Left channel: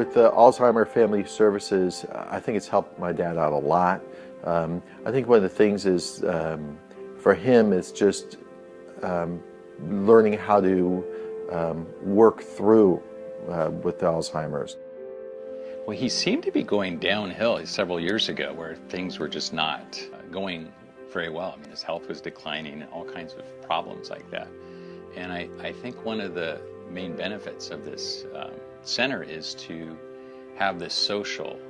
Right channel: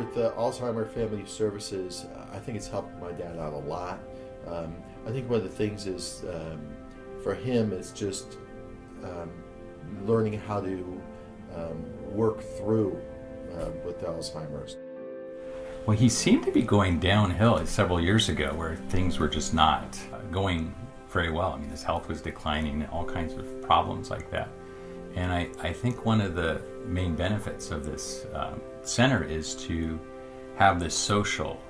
With the Alzheimer Family Services, I think it's helped my dad out a lot. I think one of the things is, for him, it's just learning how to work through with the Alzheimer's. Well, he seemed to be going downhill several years ago where things were just not going very well. I mean, his health was declining, all kinds of problems like that. And I think one of the main benefits of this center is to have this social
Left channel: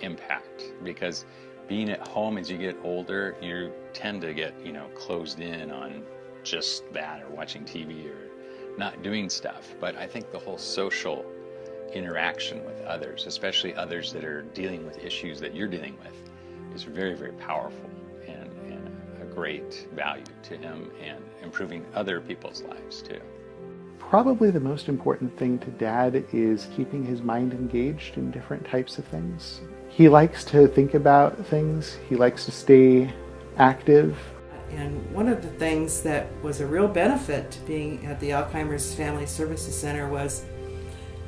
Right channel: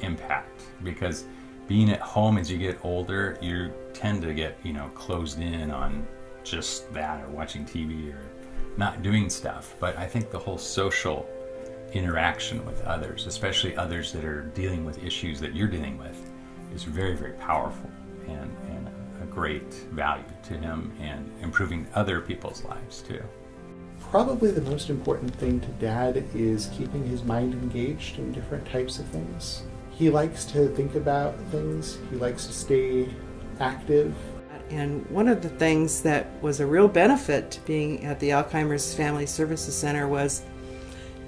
impact, because being at home as you get older, you tend to get, closed in on just that, or watching TV, or not doing stuff. But I think the whole social interaction with others, especially others that are dealing with issues that you're dealing with, is very, very powerful and a great value to him and improving other people's lives too. Probably the most important thing to Dad is keeping his mind engaged in different types of things. He likes to think about things. He likes to stay active. And one of the things that was a real benefit to being at the Alzheimer's Family Services Center was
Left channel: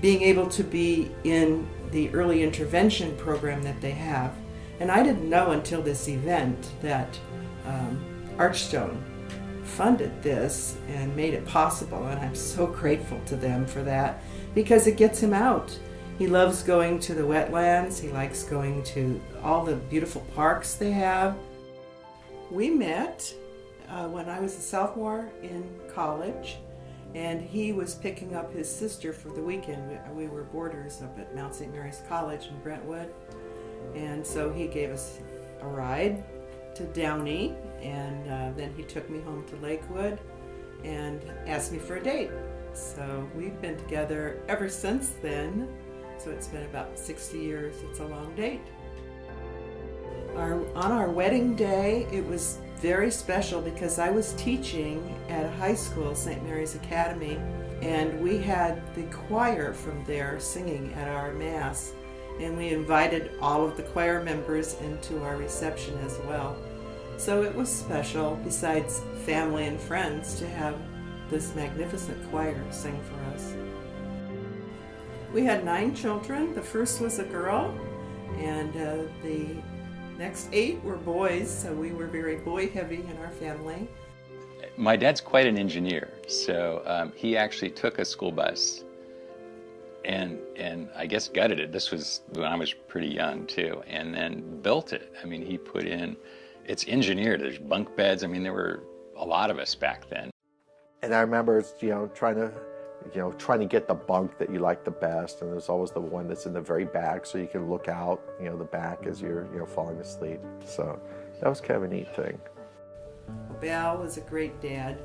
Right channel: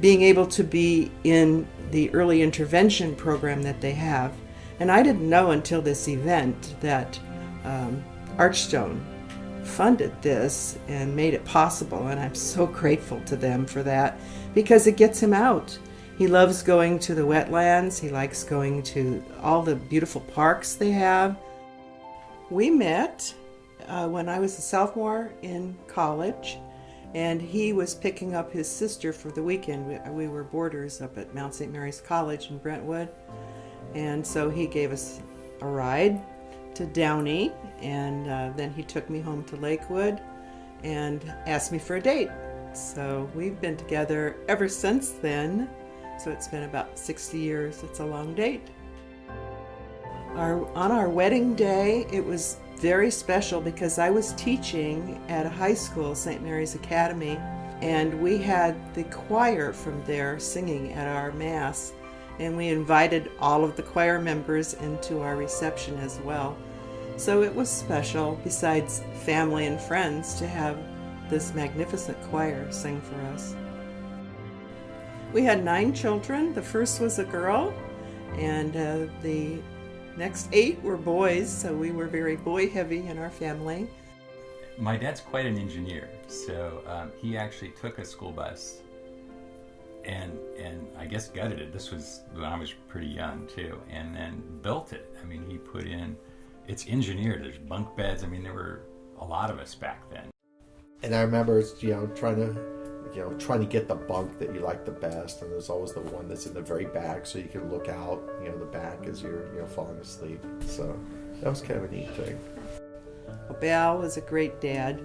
being able to be in the early intervention program that they have. And I didn't know until this event that Archstone funded this and made it possible, and I'm so grateful to them for that, because it gets him out. He loves going to the wetlands. He likes going to all the beautiful parks they have. We met when I was a sophomore in college, and he was picking up his sister for the weekend. We were boarders up at Mount St. Mary's College in Brentwood, and so he gave us a ride to Downey, and then he took me home to Lakewood and asked me for a date. So we've been together ever since then. So it's been about 60 years. It's a long date. On our wedding day, it was very special because I was teaching at a high school, St. Mary's Academy, and we had the choir from there singing at our Mass. And we invited all of the choir members into our reception as well. So it was special, besides family and friends, to have this magnificent choir sing for us. We had 9 children. The first was a girl, and the next 8 were boys, so we were very boy-heavy in our family. My dad's quite an engineer, so he actually took a school bus and I guess gutted it. This was when I was pretty young too, and then built it. I mean, he put in, it's engineered, there's bunk beds. I mean, there were a lot of us back then. And I remember, trying to get the bunk that you like the best, and there's always the one that's in the very back, so you can look out, the back as you're, falling asleep. So that was kind of a neat thing. Bal was a great dad.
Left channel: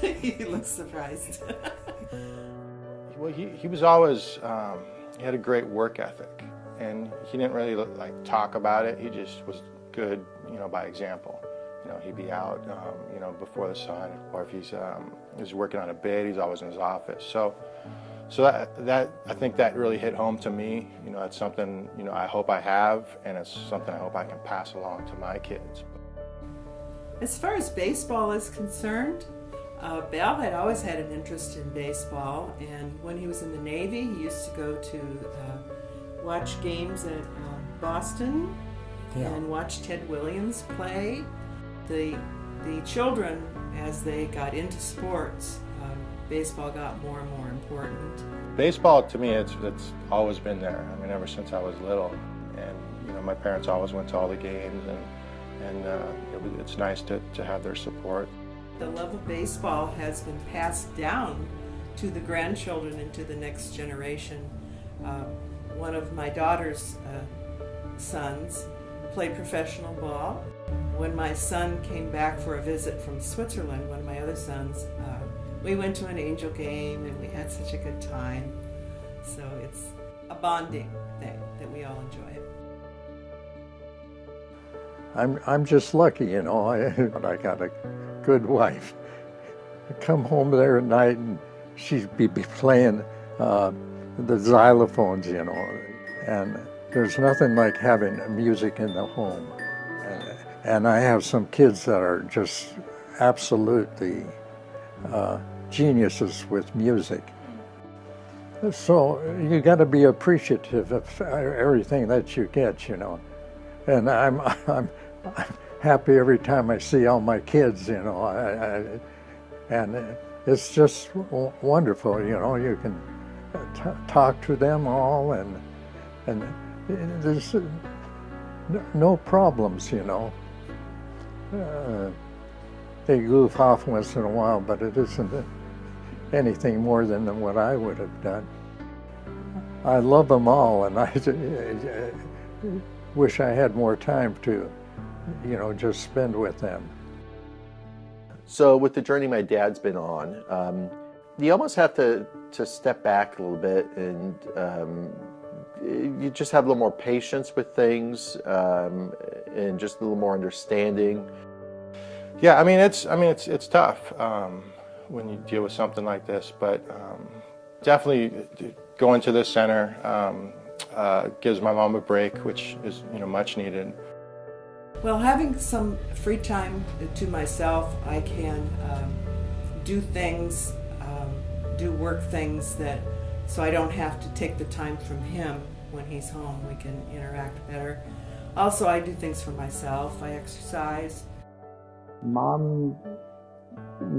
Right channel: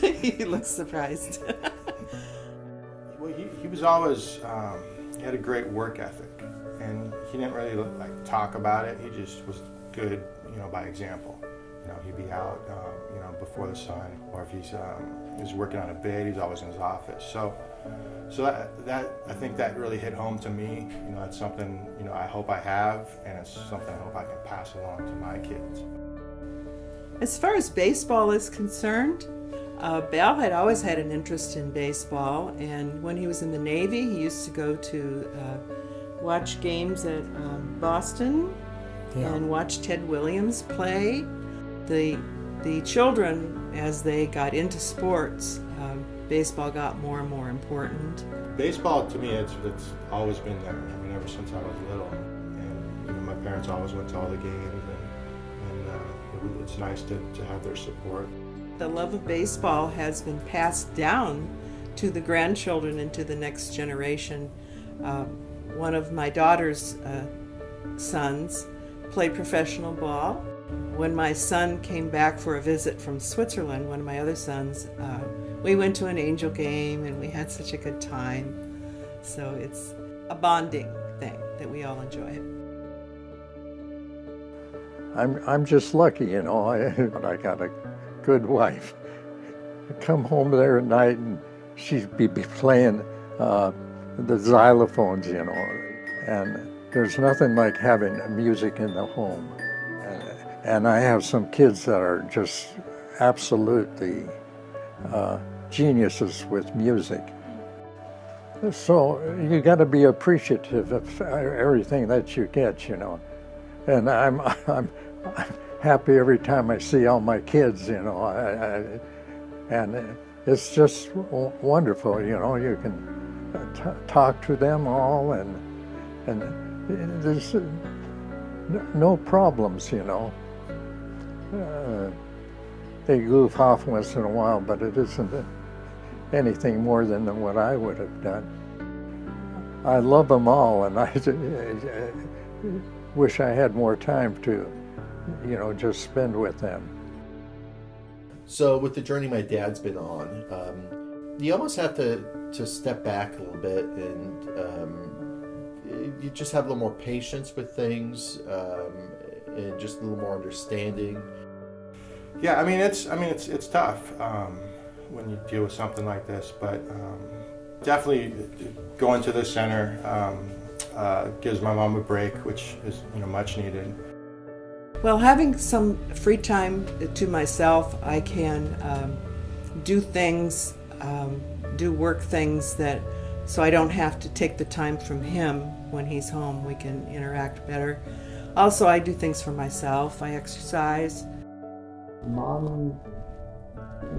He looks surprised. Well, he was always, he had a great work ethic, and he didn't really talk about it. He just was good, by example. He'd be out, before the sun, or if he's working on a bid, he's always in his office. So that I think that really hit home to me. That's something, I hope I have, and it's something I hope I can pass along to my kids. As far as baseball is concerned, Bal had always had an interest in baseball, and when he was in the Navy, he used to go to watch games at Boston and watch Ted Williams play. The children, as they got into sports, baseball got more and more important. Baseball, to me, it's always been there. I mean, ever since I was little, and my parents always went to all the games, and it's nice to have their support. The love of baseball has been passed down to the grandchildren and to the next generation. One of my daughter's sons played professional ball. When my son came back for a visit from Switzerland, one of my other sons, we went to an Angel game and we had such a good time. So it's a bonding thing that we all enjoy. I'm just lucky, I got a good wife. I come home there at night and she'd be playing the xylophones, and there's nothing like having music in the home. And I have some kids that are just absolutely geniuses with music. So you got to be appreciative of everything that you get, you know. And I'm happy every time I see all my kids, you know. And it's just wonderful, you know. You can talk to them all, and there's no problems, you know. They goof off once in a while, but it isn't anything more than what I would have done. I love them all, and I wish I had more time to, you know, just spend with them. So with the journey my dad's been on, you almost have to step back a little bit, and you just have a little more patience with things, and just a little more understanding. Yeah, I mean it's tough when you deal with something like this, but definitely going to this center gives my mom a break, which is, you know, much needed. Well, having some free time to myself, I can do things, do work things so I don't have to take the time from him when he's home. We can interact better. Also, I do things for myself. I exercise. Mom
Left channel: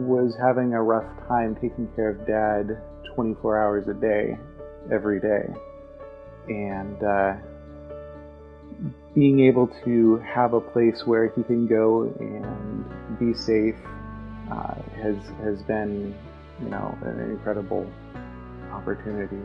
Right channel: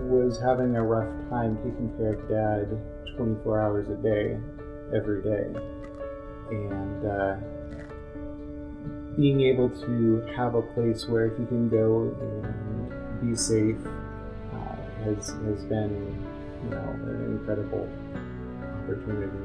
was having a rough time taking care of Dad 24 hours a day, every day. And being able to have a place where he can go and be safe has been, you know, an incredible opportunity.